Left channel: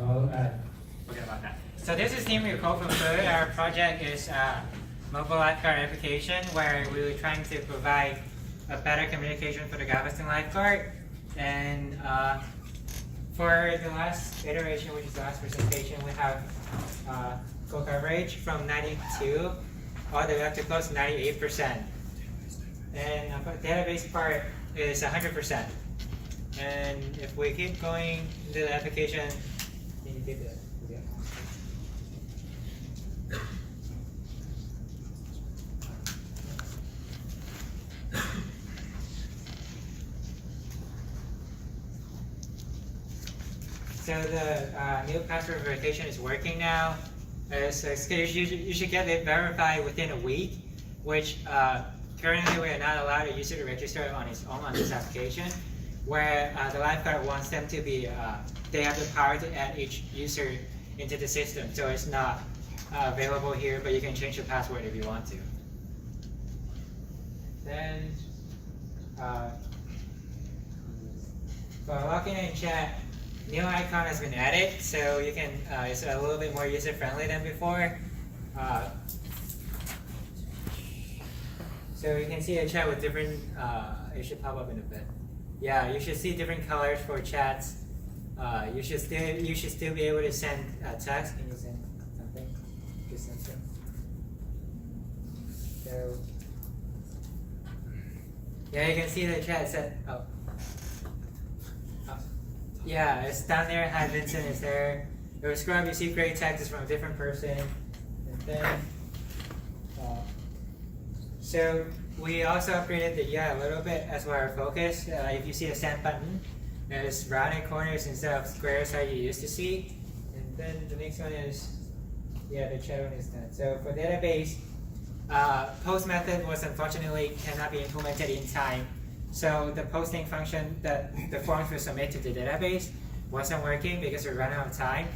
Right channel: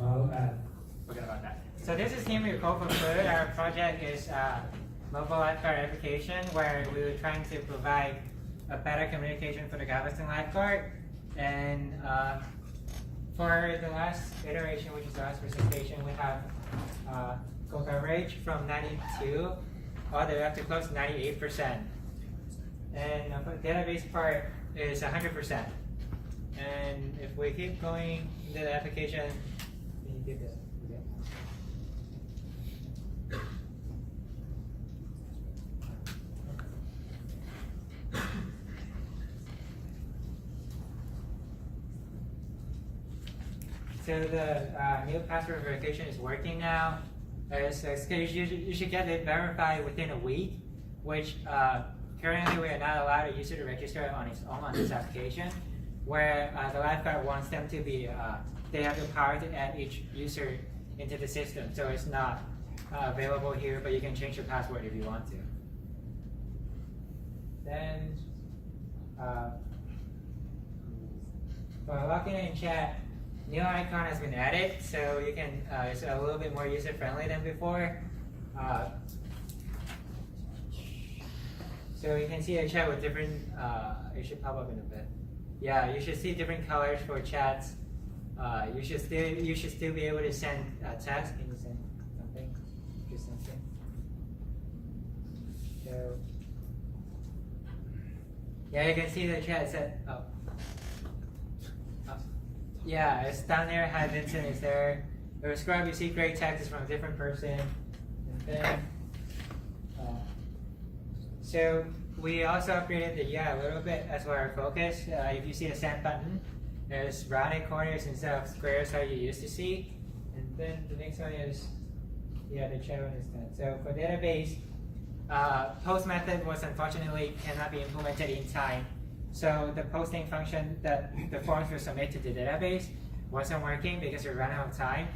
Well, forget about that. So this is Team WillCodeForFood. Our project is a mobile lifeguard application where we're trying to provide a better communication for the Galveston lifeguard. And for the last iteration, which is the last presentation, we have full coverage from 92 all the way up to close to 98%. And the database part is 100%. And if we keep going into the application, can you keep it? So the new password verification is working now. So you should get it verified within a week, which currently we are not allowed a user to register on his own on this application, where the lifeguard wants them to be, they have the power to add each user into the system. So it's not available here, but you can change the password if you want to. Then, for login and chat, new icon has been added, so you can, it's a little bit more user-friendly than before. So you can see a chat with different, it should pop up in a bit. Yeah, you should see different colors for chats. You should still be able to send text. Can you send something? Just something. So yeah, you can see the chat said. Oh. Yeah, it's down there. Hi, Vincent is there. If you scrub, you see great texts from a different person. And then, so we also upgraded the UI a little bit as well our focus. If you see a send button, there's rounded corners instead of squares how you used to see. And then the next one is, yeah, the chat one is done. So for database, post method was unfortunately cannot be implemented in time. So the posting function that the forms will submit to the database wasn't working because we ran out of time.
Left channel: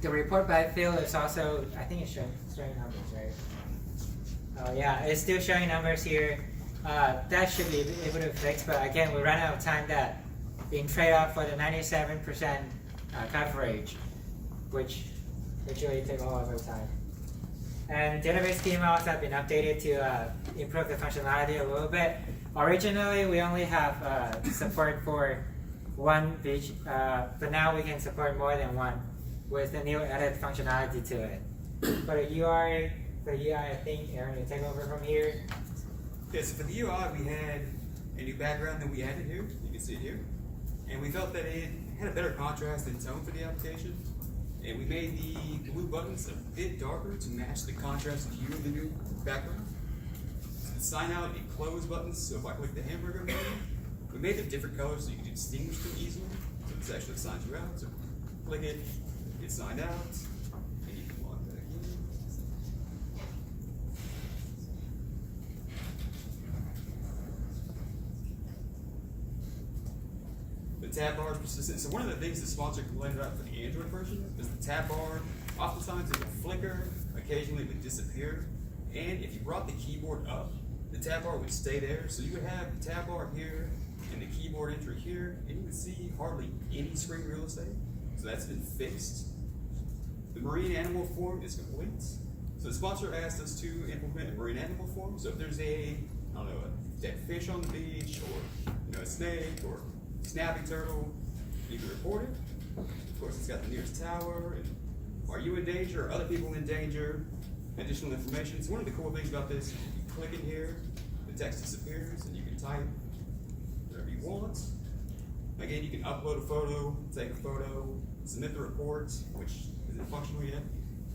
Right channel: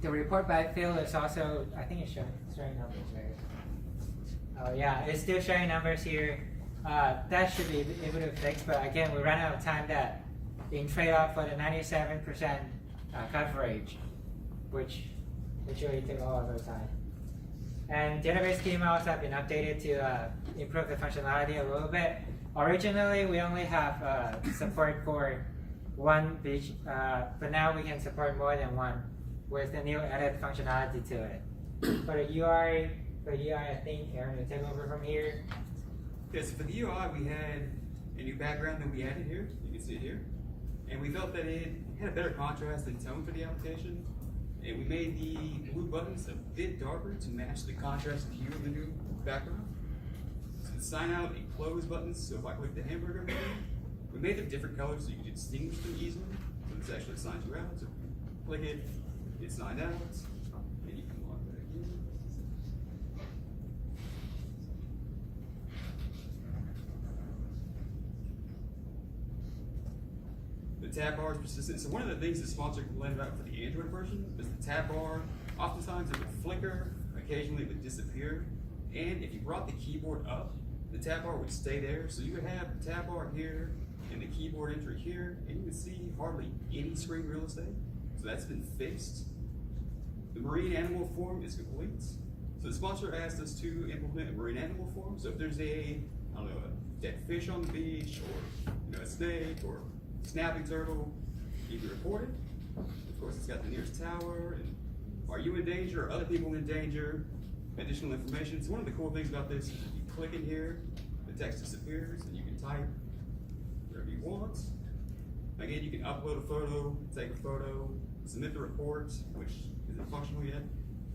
The report by field is also, I think it's showing numbers, right? Oh yeah, it's still showing numbers here. That should be able to fix, but again, we ran out of time that in trade-off for the 97% coverage, which really took all of our time. And database schema also have been updated to improve the functionality a little bit. Originally, we only have support for one beach, but now we can support more than one with the new added functionality to it. For the UI, I think Aaron will take over from here. Yeah, so for the UI, we had a new background that we added here. You can see it here. And we felt that it had a better contrast and tone for the application. And we made the blue buttons a bit darker to match the contrast and hue of the new background. So the sign out and close buttons, so if I click the hamburger button, we made them different colors so you can distinguish them easily. So this actually signs you out. So click it, it's signed out, and you can log back in. The tab bar is persistent. So one of the things the sponsor complained about for the Android version is the tab bar. Oftentimes it would flicker, occasionally it would disappear. And if you brought the keyboard up, the tab bar would stay there. So you would have the tab bar here and the keyboard enter here, and you would see hardly any screen real estate. So that's been fixed. The marine animal form is complete. So the sponsor asked us to implement a marine animal form. So if there's a dead fish on the beach, or a snake, or snapping turtle, you can report it. Of course, it's got the nearest tower, and are you in danger or other people in danger? Additional information. So one of the cool things about this is if you click in here, the text disappears, and you can type whatever you want. Again, you can upload a photo, take a photo, submit the report, which isn't functional yet.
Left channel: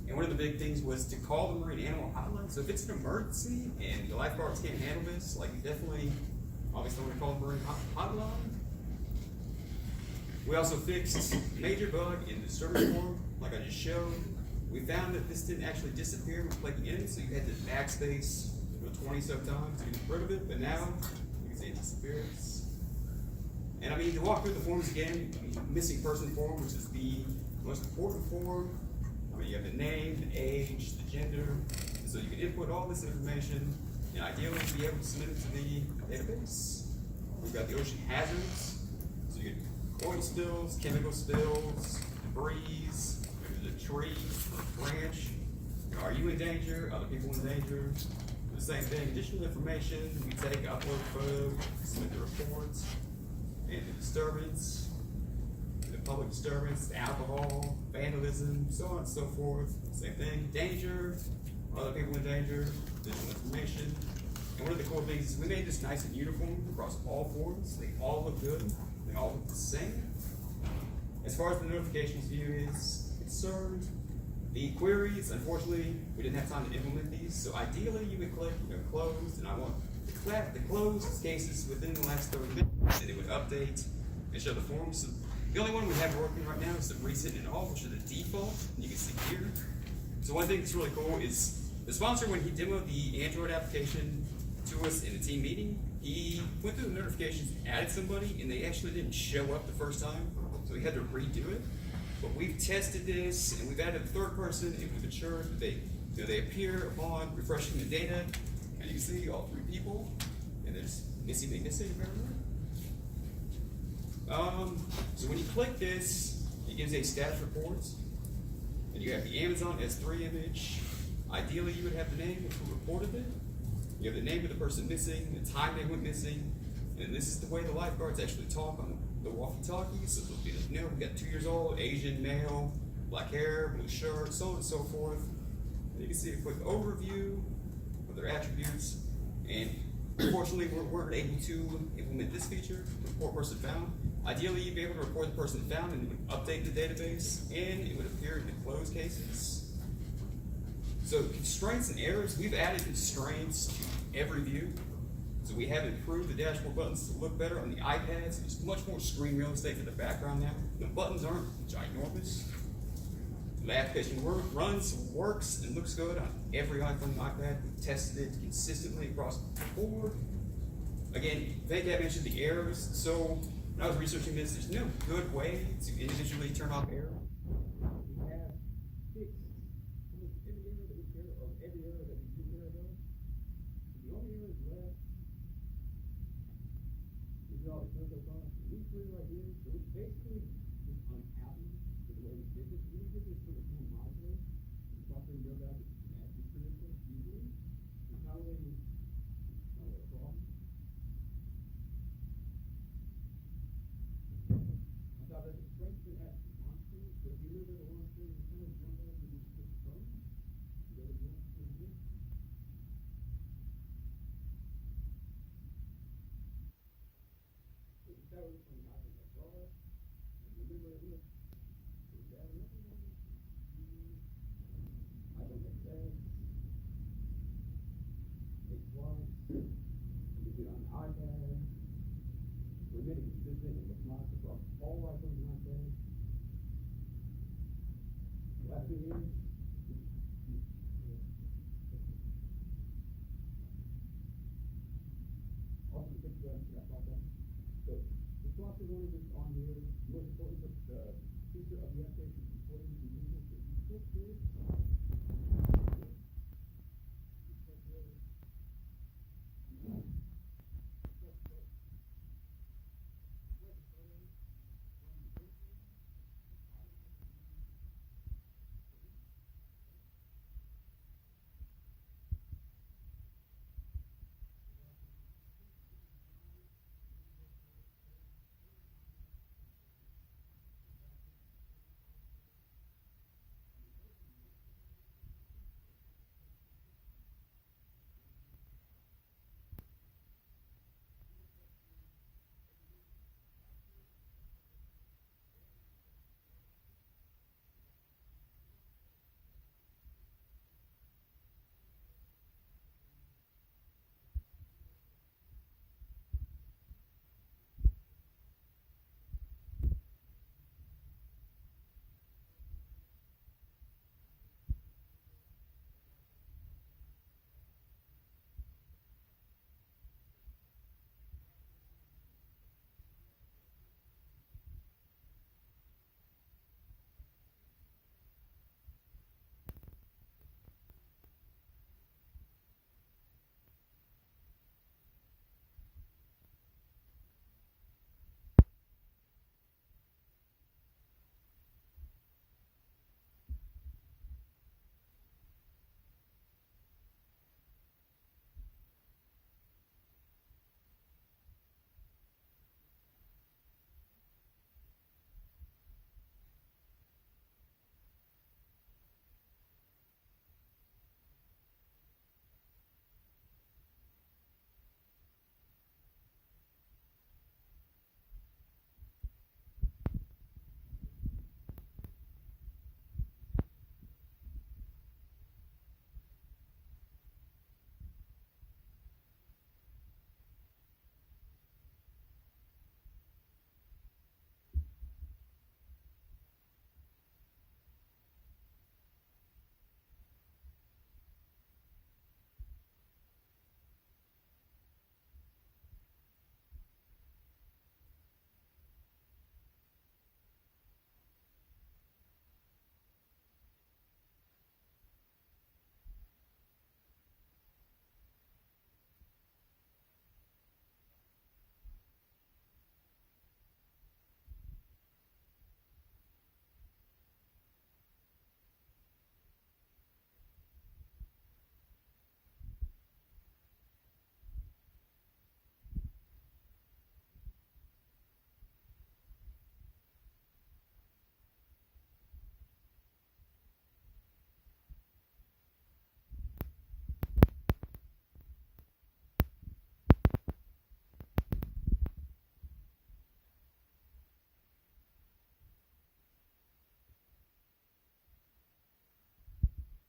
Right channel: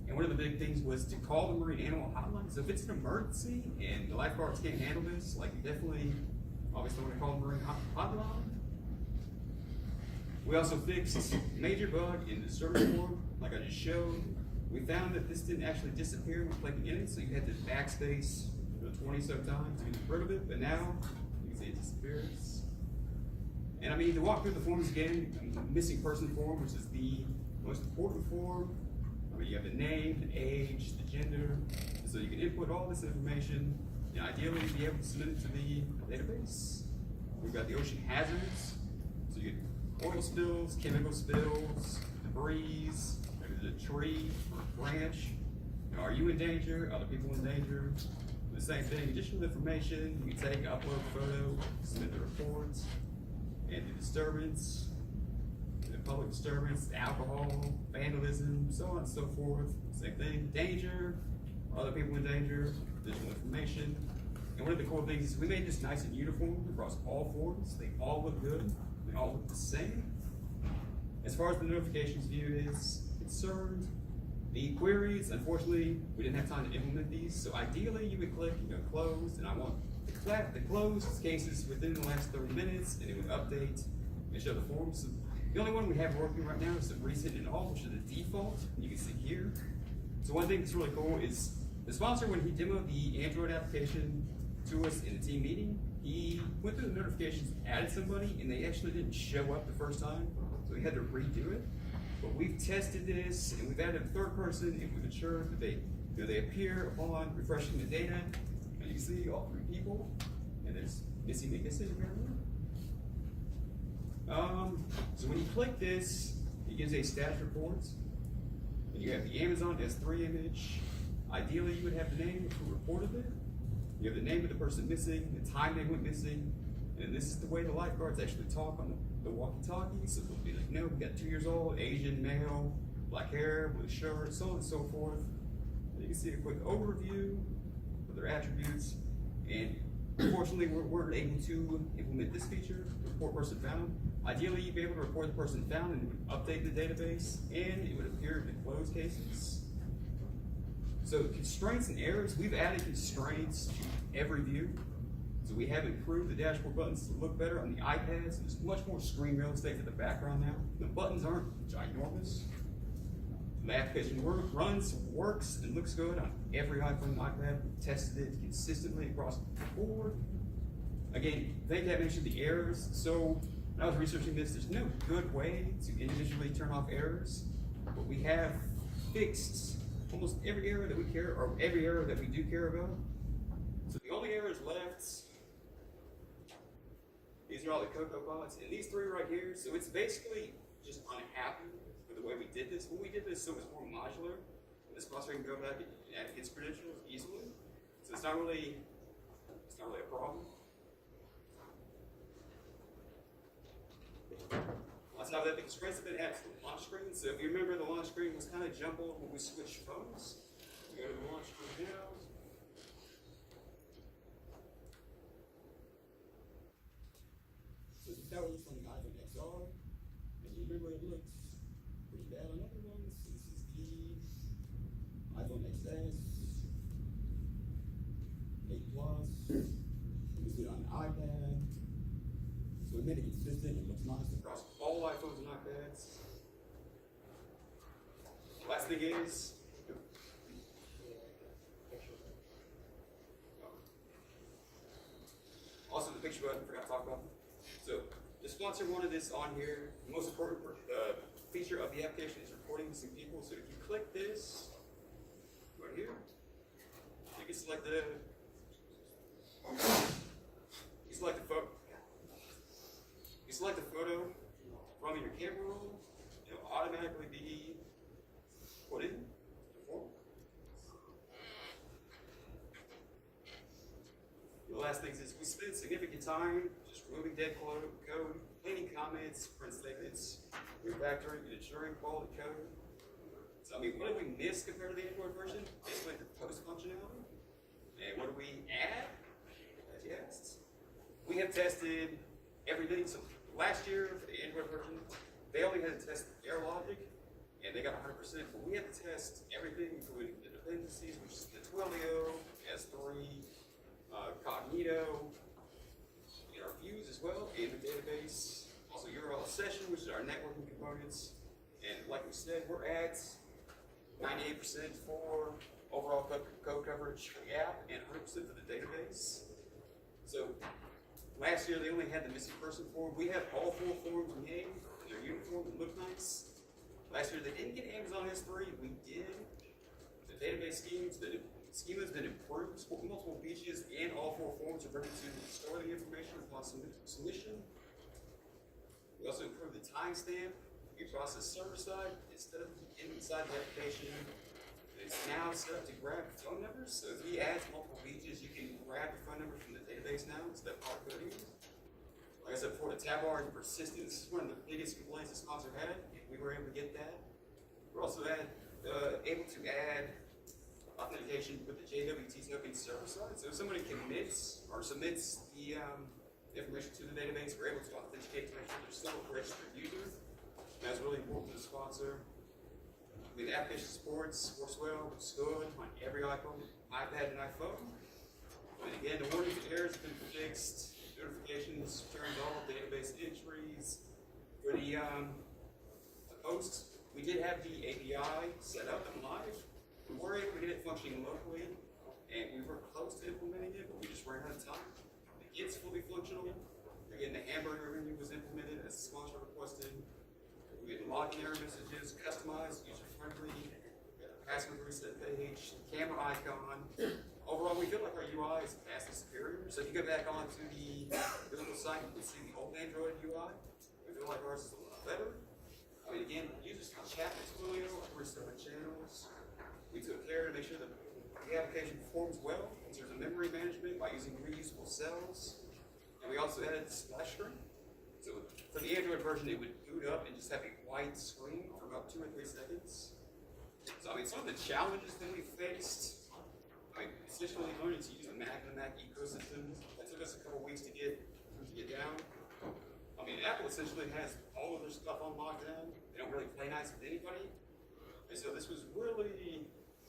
And one of the big things was to call the marine animal hotline. So if it's an emergency and the lifeguards can't handle this, like you definitely, obviously, want to call the marine hotline. We also fixed a major bug in the search form, like I just showed. We found that this didn't actually disappear when clicking in it, so you had to backspace 20-some times to get rid of it, but now you can see it disappears. And I mean, to walk through the forms again, missing person form, which is the most important form. I mean, you have the name, the age, the gender, and so you can input all this information and ideally be able to submit it to the database. We've got the ocean hazards, so you can oil spills, chemical spills, debris, maybe the tree, branch. You know, are you in danger? Other people in danger? The same thing, additional information, we take, upload photo, submit the reports, and the disturbance, the public disturbance, alcohol, vandalism, so on and so forth. Same thing, danger, other people in danger, additional information. And one of the cool things is we made this nice and uniform across all forms. They all look good, they all look the same. As far as the notifications view is concerned, the queries, unfortunately, we didn't have time to implement these, so ideally you would click, closed, and I want the closed cases within the last 30 minutes, and it would update and show the forms. So the only one we have working right now is the recent and all, which are the default, and you can see here. So one thing that's really cool is the sponsor, when he demoed the Android application to us in a team meeting, he went through the notifications, added somebody, and they actually didn't show up the first time, so he had to redo it. But we've tested this, and we've added a third person, and we've ensured that they appear upon refreshing the data, and you can see all 3 people, and there's missing. So when you click this, it gives a status report, and you have the Amazon S3 image. Ideally, you would have the name of who reported it. You have the name of the person missing, the time they went missing, and this is the way the lifeguards actually talk on the walkie-talkie. So they'll be like, no, we got 2 years old, Asian, male, black hair, blue shirt, so on and so forth. And you can see a quick overview of their attributes. And unfortunately, we're able to implement this feature, the report person found. Ideally, you'd be able to report the person found, and it would update the database, and it would appear in the closed cases. So constraints and errors, we've added constraints to every view. So we have improved the dashboard buttons to look better on the iPads. There's much more screen real estate for the background now. The buttons aren't ginormous. The application works, and looks good on every iPhone and iPad. We've tested it consistently across the board. Again, thank you, I mentioned the errors. So when I was researching this, there's no good way to individually turn off errors. But we have fixed almost every error that we care, or every error that we do care about. So the only errors left, these are all the Cocoa bots, and these 3 right here, so it's basically just unhappy with the way we did this. When we did this, so it was more modular, the sponsor can go back and add its credentials easily. So it's not really a problem. On top of that, the constraints have been added to the launch screen. So if you remember, the launch screen was kind of jumbled when we switched phones. We go to the launch screen now. So that was from the iPhone XR. And you remember it looks pretty bad on other ones. This is the iPhone XS, 8 Plus. You see it on the iPad. So we made it consistent. It looks nice across all iPhones and iPads. Last thing is, also the picture button, forgot to talk about. So the sponsor wanted this on here. The most important feature of the application is reporting missing people. So if you click this, right here, you can select the photo. You select the photo from your camera roll. It'll automatically be put in the form. The last thing is we spend significant time just removing dead code, cleaning comments, print statements, refactoring, and ensuring quality code. So I mean, what did we miss compared to the Android version? Basically the post functionality. And what do we add? As you asked. We have tested everything. So last year for the Android version, they only had to test error logic, and they got 100%. But we had to test everything, including the dependencies, which is the Twilio, S3, Cognito, and our views as well, and the database. Also URL session, which is our networking components. And like we said, we're at 98% for overall code coverage for the app and 100% for the database. So last year they only had the missing person form. We had all 4 forms made. They're uniform and look nice. Last year they didn't get Amazon S3. We did. The database schema's been improved. Multiple features and all 4 forms are ready to store the information upon submission. We also improved the timestamp you process server side instead of inside the application. It's now set up to grab phone numbers. So if he adds multiple pages, you can grab your phone number from the database now instead of hard coding. Like I said before, the tab bar and persistence is one of the biggest complaints the sponsor had. We were able to get that. We're also able to add authentication with the JWT token server side. So if somebody commits or submits the information to the database, we're able to authenticate to make sure they're still a registered user. That's really important to the sponsor. I mean, the application works well, looks good on every iPhone, iPad, and iPhone. And again, the warnings and errors have been fixed. Notifications turned off, database entries. For the posts, we did have the API set up and live. We were able to get it functioning locally, and we were close to implementing it, but we just ran out of time. It's fully functional. Again, the hamburger menu was implemented as the sponsor requested. We had login error messages, customized, user-friendly, password reset page, camera icon. Overall, we feel like our UI is vastly superior. So if you go back onto the Google site, you can see the old Android UI. We feel like ours is a lot better. I mean, again, users can chat with Twilio, restore channels. We took care to make sure that the application performs well in terms of memory management by using reusable cells. And we also added splash screen. So for the Android version, it would boot up and just have a white screen for about 2 or 3 seconds. So I mean, some of the challenges that we faced, I mean, essentially learning to use the Mac and the Mac ecosystem. That took us a couple weeks to get down. I mean, Apple essentially has all of their stuff on lockdown. They don't really play nice with anybody. And so this was really,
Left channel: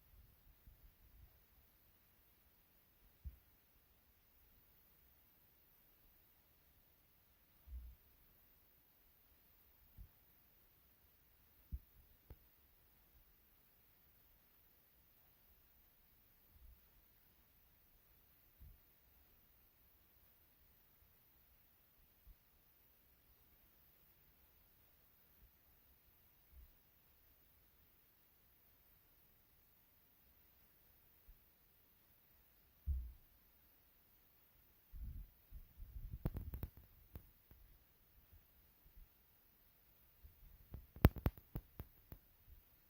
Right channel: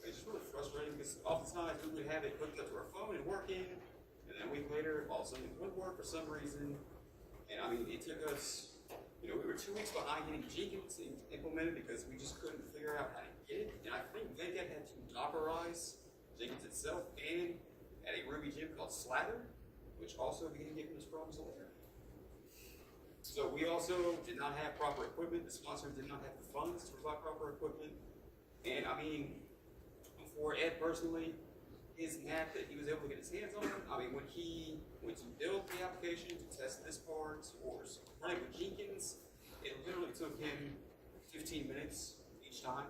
it's just really frustrating because oftentimes we would have it hooked up to our phone and working, and then a week later, all of a sudden it wouldn't work for some reason. And I mean, it took us, we were 2 weeks behind getting Jenkins implemented because we just couldn't figure out how to get it. And I think Venkat had to Dockerize Jenkins itself and add a Ruby gem called Slather, which also began giving us problems later. So we also did not have proper equipment. The sponsor did not have the funds to provide proper equipment. And I mean, for Ed personally, his Mac that he was able to get his hands on, I mean, when he went to build the application to test this part or run it with Jenkins, it literally took him 15 minutes each time.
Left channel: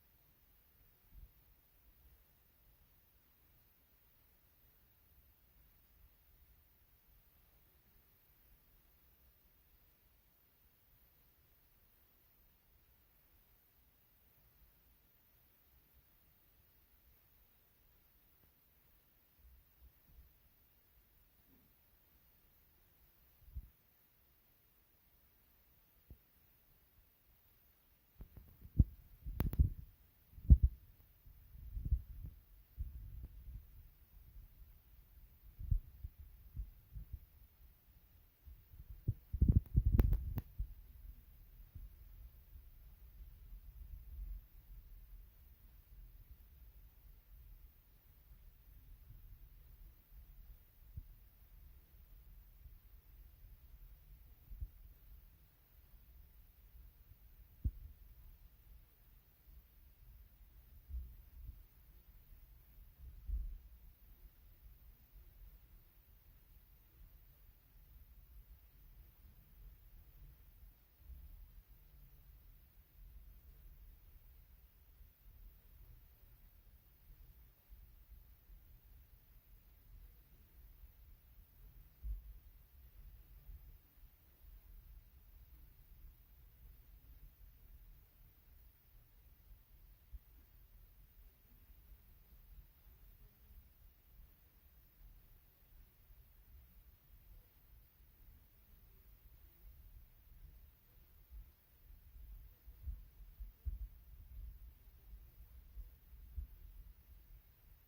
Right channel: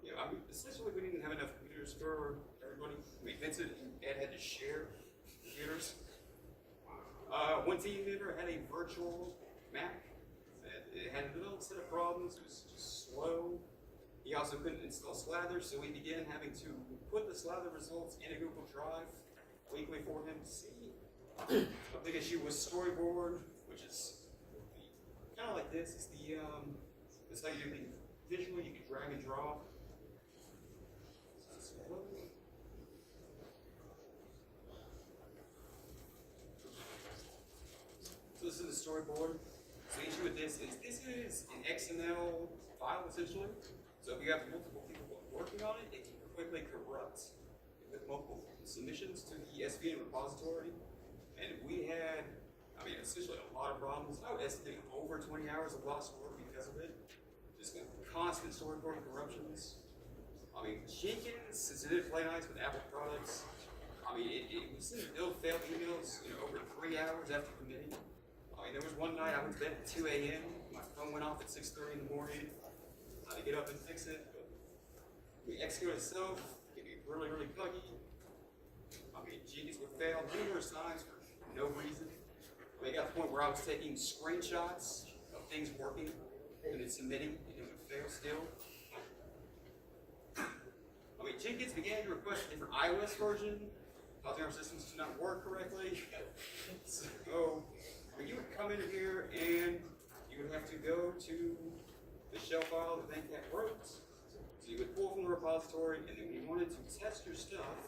Yeah, I mean, essentially we didn't have enough computers for everybody. I mean, Vincent and Ed had to share computers. One team member had a virtual Mac. It had a little set of problems. It was just slow. He also couldn't install Slather, so we began having to put the Slather results in a Google Drive weekly for him to see. A big issue was Storyboard, which is kind of like this. It's the this is how you do things visually. You can drag and drop. So this is the storyboard. So the issue with this is an XML file essentially. So if you have multiple people working on it, it can quickly corrupt with multiple submissions to the SVN repository. And we had, I mean, essentially a lot of problems. I would estimate over 20 hours of lost work because of it. Just constant storyboard corruptions. I mean, Jenkins, since it didn't play nice with Apple products, I mean, it was sending failed emails, over 3 hours after committing. I mean, there was one night I went to bed at 2 a.m. My phone went off at 6:30 in the morning. I had to get up and fix it. But the execute itself can be really, really buggy. I mean, Jenkins would fail numerous times for no reason. I mean, it got to the point where I was taking screenshots of things working and then submitting, and it would fail still. I mean, Jenkins began to request a different iOS version, causing our systems to not work correctly. So, you would come in here and you would have to go to the shell file that Venkat wrote. So you would pull from the repository, and then when you wanted to test your stuff,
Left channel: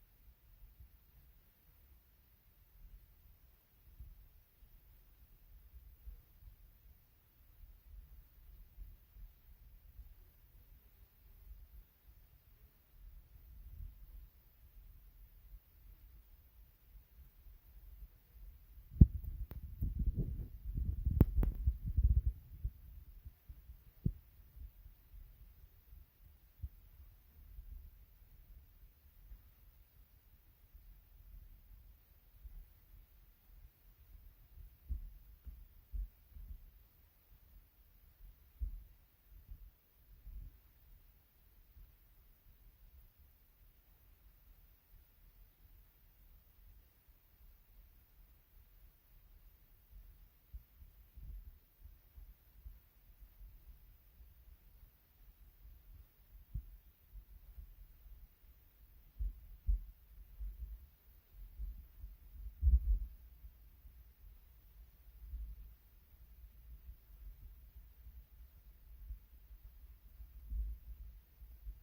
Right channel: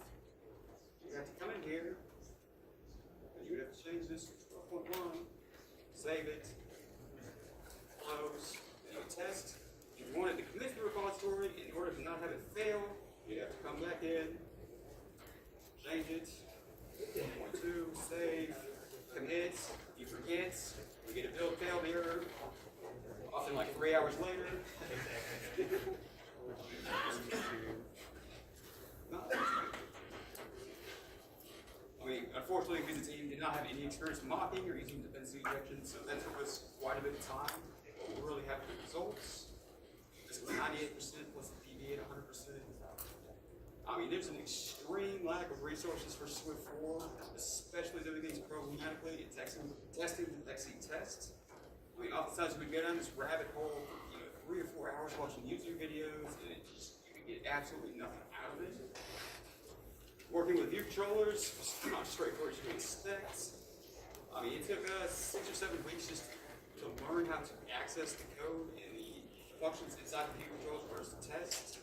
you would have to come in here, and you would have to change this to 12.1, save it, close, and you would test. If you wanted to commit to the repository, in order to not have it fail, you'd have to come back in, change it, 12.2, save, commit, you forget, you get a build failed error, often like 3 hours later. I mean, unfortunately, because the team did not have any experience mocking or using dependency injection, I mean, there's an extreme lack of resources for Swift 4, especially doing things programmatically and testing the XC tests. I mean, oftentimes we go down this rabbit hole for 3 or 4 hours watching YouTube videos, and you can get absolutely nothing out of it. Working with view controllers was not straightforward to expect. I mean, it took us 6 or 7 weeks just to learn how to access the code and the functions inside the view controllers for us to test.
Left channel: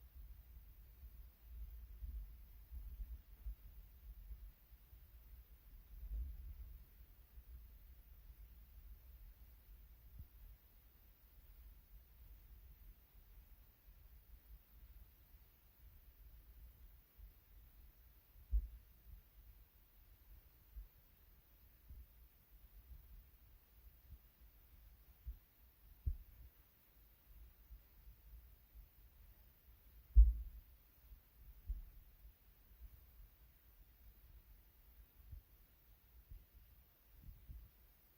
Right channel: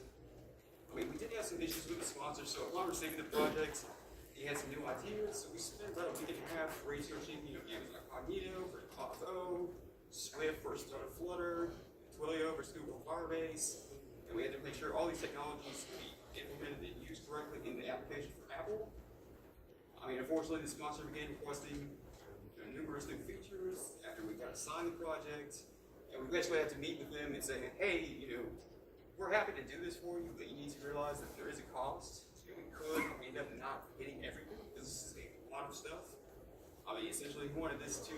I mean, we did have some issues with the sponsor, so upon receiving the project, he had some new ideas, so we spent about a week and a half researching, Amazon Cognito for Auth0, Swift for Flutter, Twilio for Google Firebase, and we had to make sure all these technologies could be implemented and used correctly in the application for Apple. I mean, unfortunately, the sponsor began requesting numerous new features after we got assigned the project, and we basically had to meet with them and say, hey, we're happy to do this for you, but you need to realize that there is a cost. We could end up not hitting everything because this is a lot of stuff. I mean, essentially, we wanted this to,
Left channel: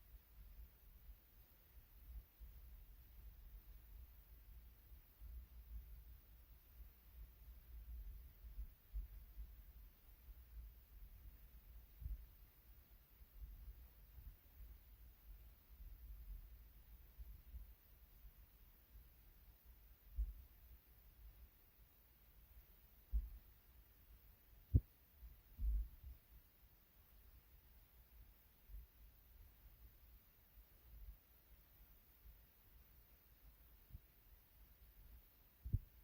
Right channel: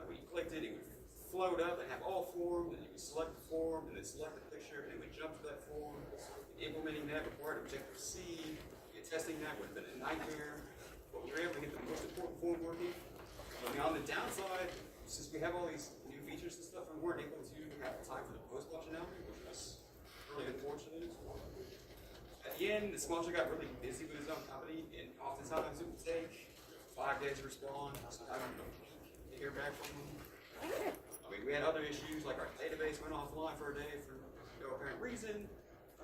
when you clicked it, it would float up and have all forms, and you would select the form, and then select the picture, and it would jump to that form. Implementing that required Objective-C, testing that would have been a nightmare, but we were able to get the most important form working. I mean, on the downside, since we have all these new features and stuff, we weren't able to have time for the post functionality, which was really unfortunate. At the end, the sponsor got really busy with his own company, and oftentimes it would take 5 days to respond, sometimes to hear back from them. I mean, we had other issues, like our database went offline for a day for no apparent reason.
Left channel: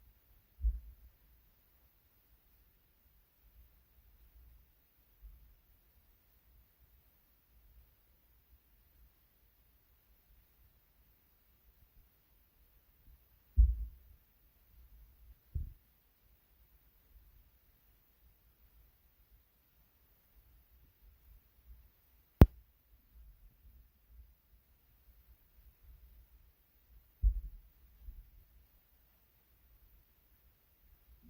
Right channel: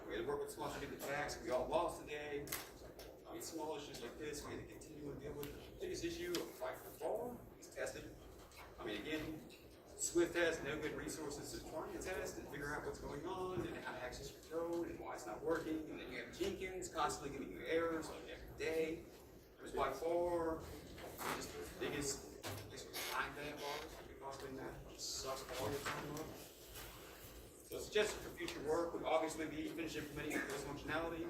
We had to work with the sponsor to get the tax, we all lost a day. I mean, small issues like this, we had to continue to deal with. The biggest issue of fight for fall is testing. I mean, again, Swift has no good resources to try and test and figure out what's going on and how to access your code and why it's not working. And then you have Jenkins constantly giving you errors like every day. It was by far just the biggest time bad bars you could possibly imagine. It sucks all your time up. So suggestion for future work would obviously be finish implementing this functionality.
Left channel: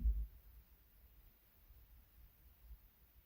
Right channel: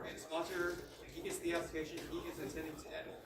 And the sponsor, if he gets the application, he gets incentive to add more